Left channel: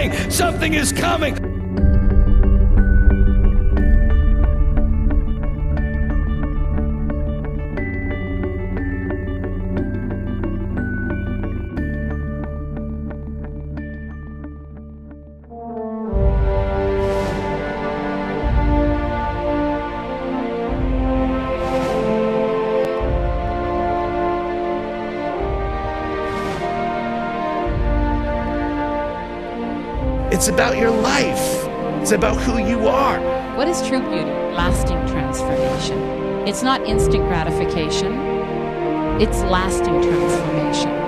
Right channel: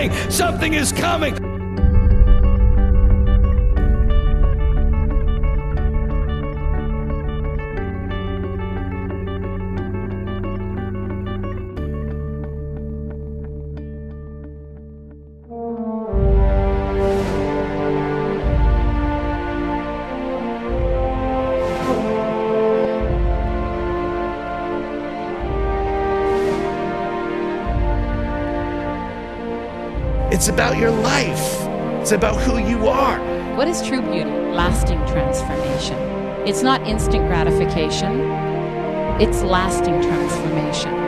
saying something is coming. It's about your life. It's about who you are. What is true beauty? Lasting transformation. It's not instant gratification. It's lasting transformation.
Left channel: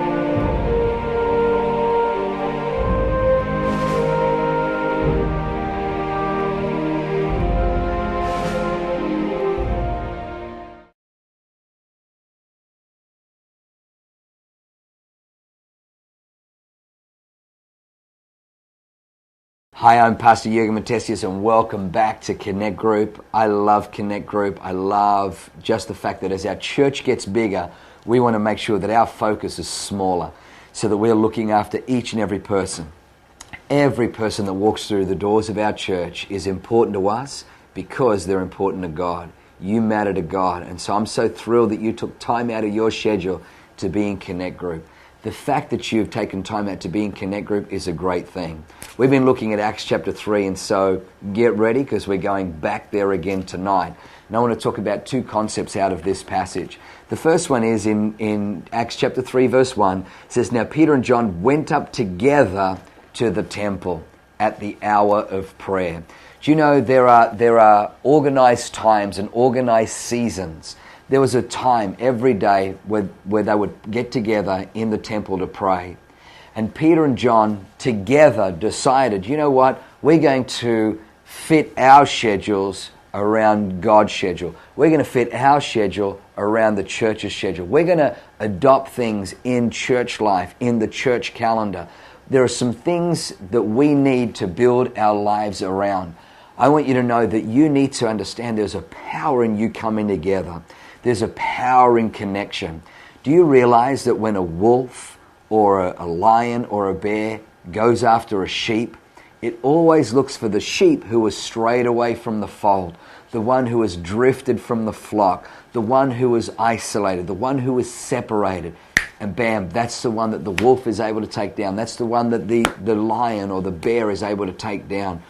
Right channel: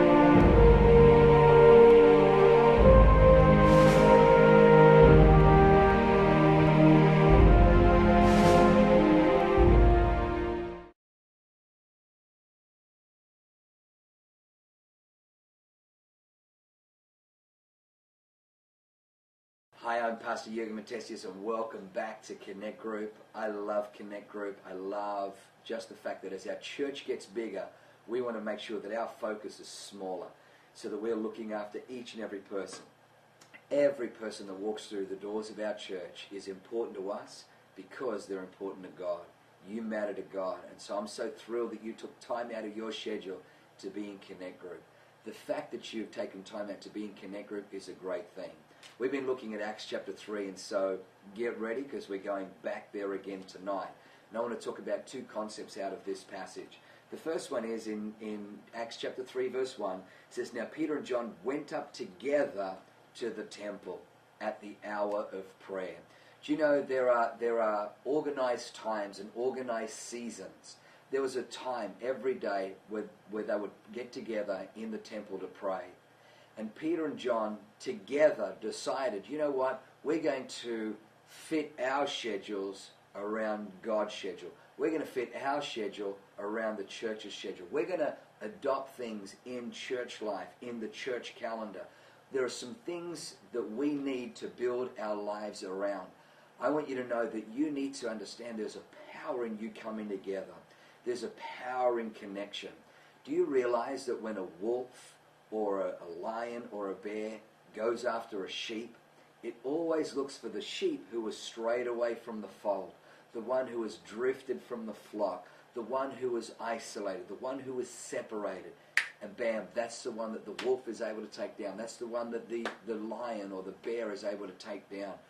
Hi, I'm Pastor Jürgen Matthesius and welcome back to Connect Group. I love Connect Group. I love just the fact that as our church gets bigger, we want to make sure that our focus is smaller so that we're looking after each and every person. Every person that walks through the doors of our church is important to us because they're important to God. You matter to God. And so I'm so thrilled that you took time out of your schedule to be in Connect Group. The fact that you've taken time out to be in Connect Group is a great thing. We've been looking at Acts chapter 3, and so get ready because we're going back there again tonight. And I want to talk about two concepts out of this passage. The first one is in Acts chapter 3, verse 1. It says, "Now Peter and John went up together to the temple at the hour of prayer." Do you know there are organized times and organized seasons? There was a time every day where they would get together in the temple to pray. And Peter and John together decided, you know what, we're going to fit our schedules around God's schedule. We're going to fit our schedule around the church's schedule. We're going to adopt things in church life, in the church calendar. There are some things that we need to build our lives around. I want you to know that you need to understand there's a power in you coming together. There's a power in connection. Do you realize that when a wolf or a lion or a bear goes after a sheep, it always looks for the sheep who has strayed away from the fold, the one who has drifted from the flock, the one who is isolated, the one who is separated. And bam, that's the one that the wolf is able to take down. That's the one that the lion or the bear is able to take down.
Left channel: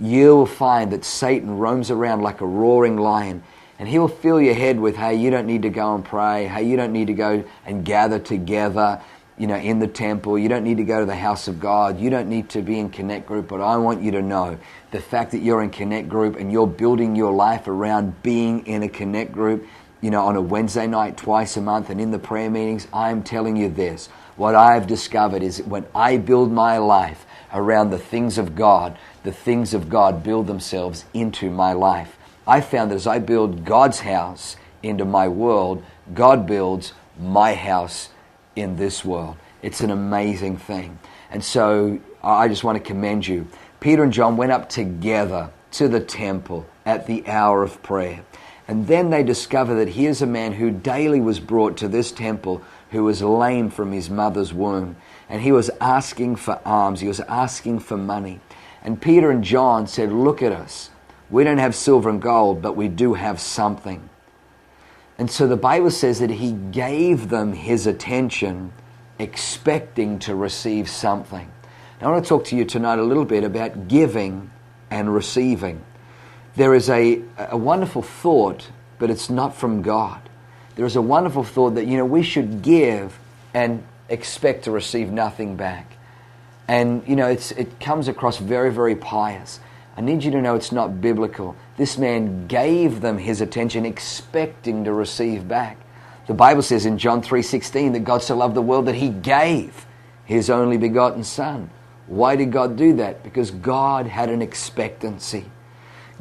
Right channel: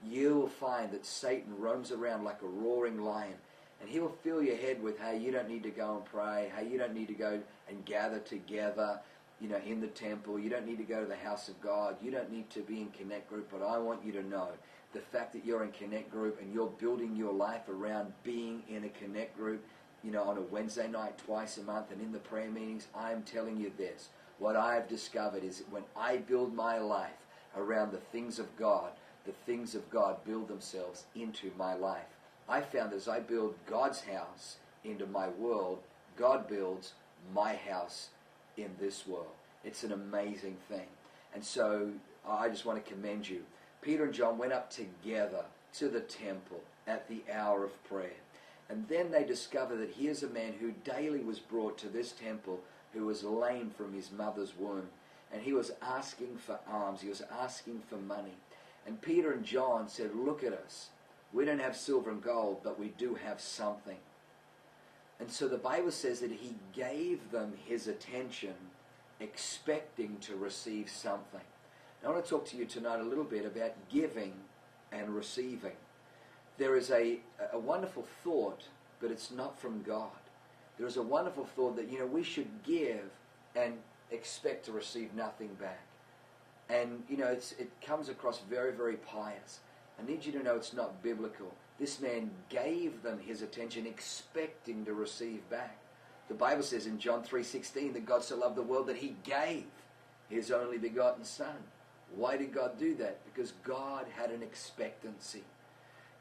You will find that Satan roams around like a roaring lion. And he'll fill your head with, hey, you don't need to go and pray. Hey, you don't need to go and gather together, in the temple. You don't need to go to the house of God. You don't need to be in Connect Group. But I want you to know the fact that you're in Connect Group and you're building your life around being in a Connect Group, on a Wednesday night, twice a month, and in the prayer meetings, I'm telling you this. What I've discovered is when I build my life around the things of God build themselves into my life. I found that as I build God's house into my world, God builds my house in this world. It's an amazing thing. And so I just want to commend you. Peter and John went up together to the temple at the hour of prayer. And then they discover that here's a man who daily was brought to this temple who was lame from his mother's womb. And he was asking for alms. He was asking for money. And Peter and John said, look at us. We don't have silver and gold, but we do have something. And so the Bible says that he gave them his attention, expecting to receive something. Now, I want to talk to you tonight a little bit about giving and receiving. There is a wonderful thought, but it's not from God. There is a wonderful thought that, we should give and expect to receive nothing back. And, it comes across very, very pious. I need you to know it's not biblical. This man gave them his attention expecting to receive back. The Bible says in John 3:16 that God so loved the world that he gave his only begotten Son. Why did God do that? Because God had an expectancy.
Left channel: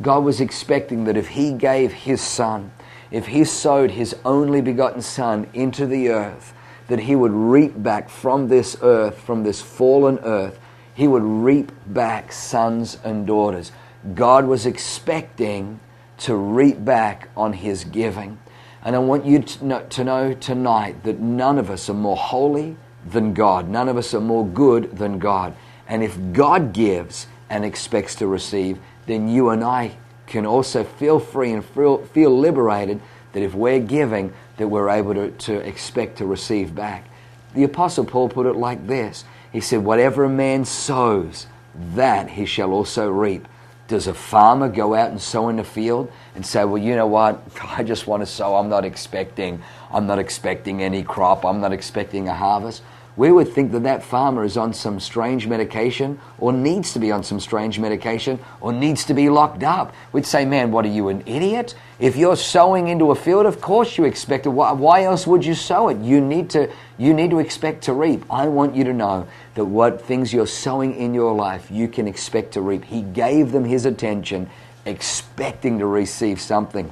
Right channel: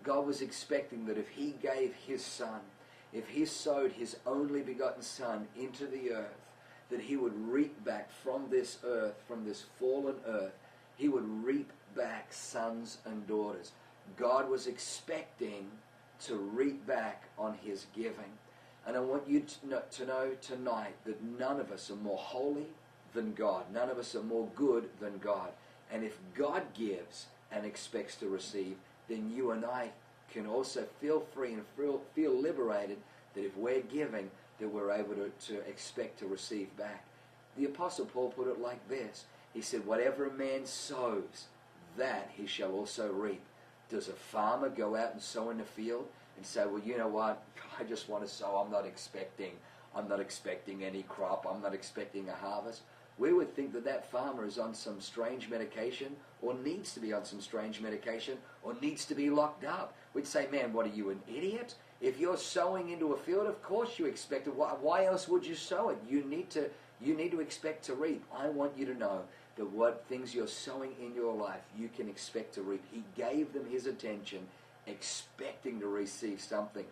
God was expecting that if he gave his Son, if he sowed his only begotten Son into the earth, that he would reap back from this earth, from this fallen earth, he would reap back sons and daughters. God was expecting to reap back on his giving. And I want you to know tonight that none of us are more holy than God. None of us are more good than God. And if God gives and expects to receive, then you and I can also feel free and feel liberated that if we're giving, that we're able to expect to receive back. The Apostle Paul put it like this. He said, whatever a man sows, that he shall also reap. Does a farmer go out and sow in the field and say, well, you know what, I just want to sow, I'm not expecting any crop, I'm not expecting a harvest? We would think that that farmer is on some strange medication, or needs to be on some strange medication, or needs to be locked up. We'd say, man, what are you, an idiot? If you're sowing into a field, of course you expect it. Why else would you sow it? You need to expect to reap. I want you to know that what things you're sowing in your life, you can expect to reap. He gave them his attention, expecting to receive something.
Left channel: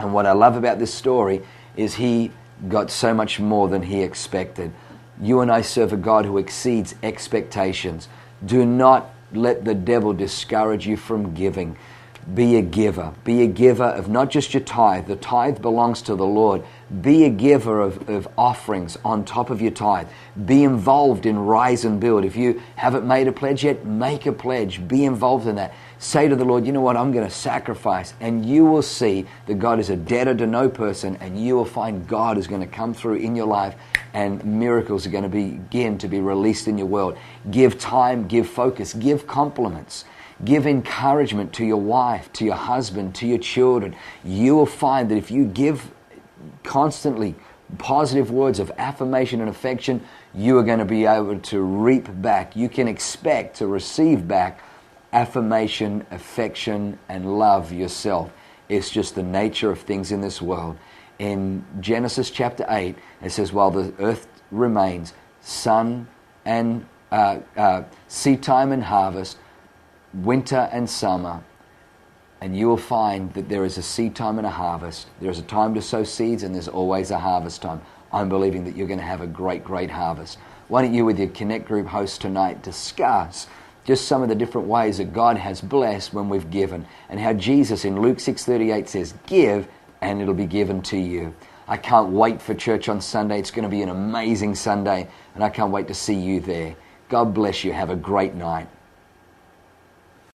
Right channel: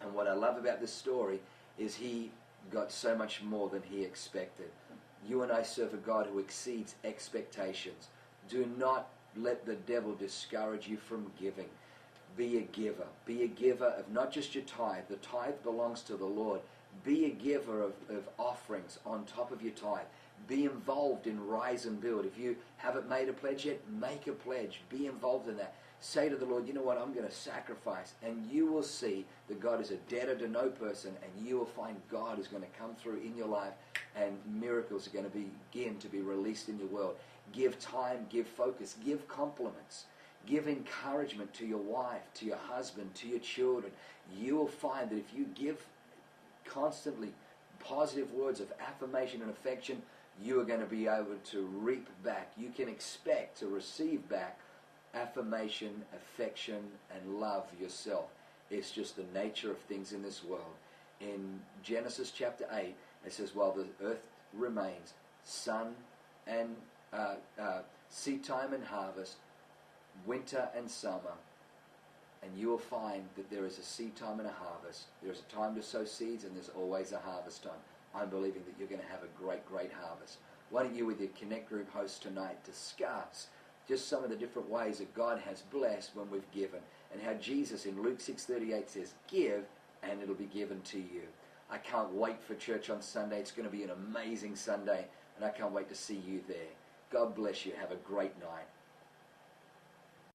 And what I love about this story is he got so much more than he expected. You and I serve a God who exceeds expectations. Do not let the devil discourage you from giving. Be a giver. Be a giver of not just your tithe. The tithe belongs to the Lord. Be a giver of offerings on top of your tithe. Be involved in Rise and Build. If you haven't made a pledge yet, make a pledge. Be involved in that. Say to the Lord, you know what, I'm going to sacrifice. And you will see that God is a debtor to no person, and you will find God is going to come through in your life, and miracles are going to begin to be released in your world. Give time, give focus, give compliments. Give encouragement to your wife, to your husband, to your children. You will find that if you give constantly positive words of affirmation and affection, you are going to be able to reap back. You can expect to receive back affirmation, affection, and love yourself. It's just the nature of things in this world. In Genesis chapter 8, it says, while the earth remains, sun and seed time and harvest, winter and summer, and you will find that there is a seed time and a harvest. There's a time to sow seeds, and there's always a harvest time. I'm believing that you're going to have a great, great harvest. Why don't you, with your Connect Group host tonight, discuss just some of the different ways that God has blessed when we've given, and how Jesus in Luke 6:38 says, give and it'll be given to you. I can't wait for church on Sunday. It's going to be an amazing Sunday, and I can't wait to see you there. God bless you. Have a great night.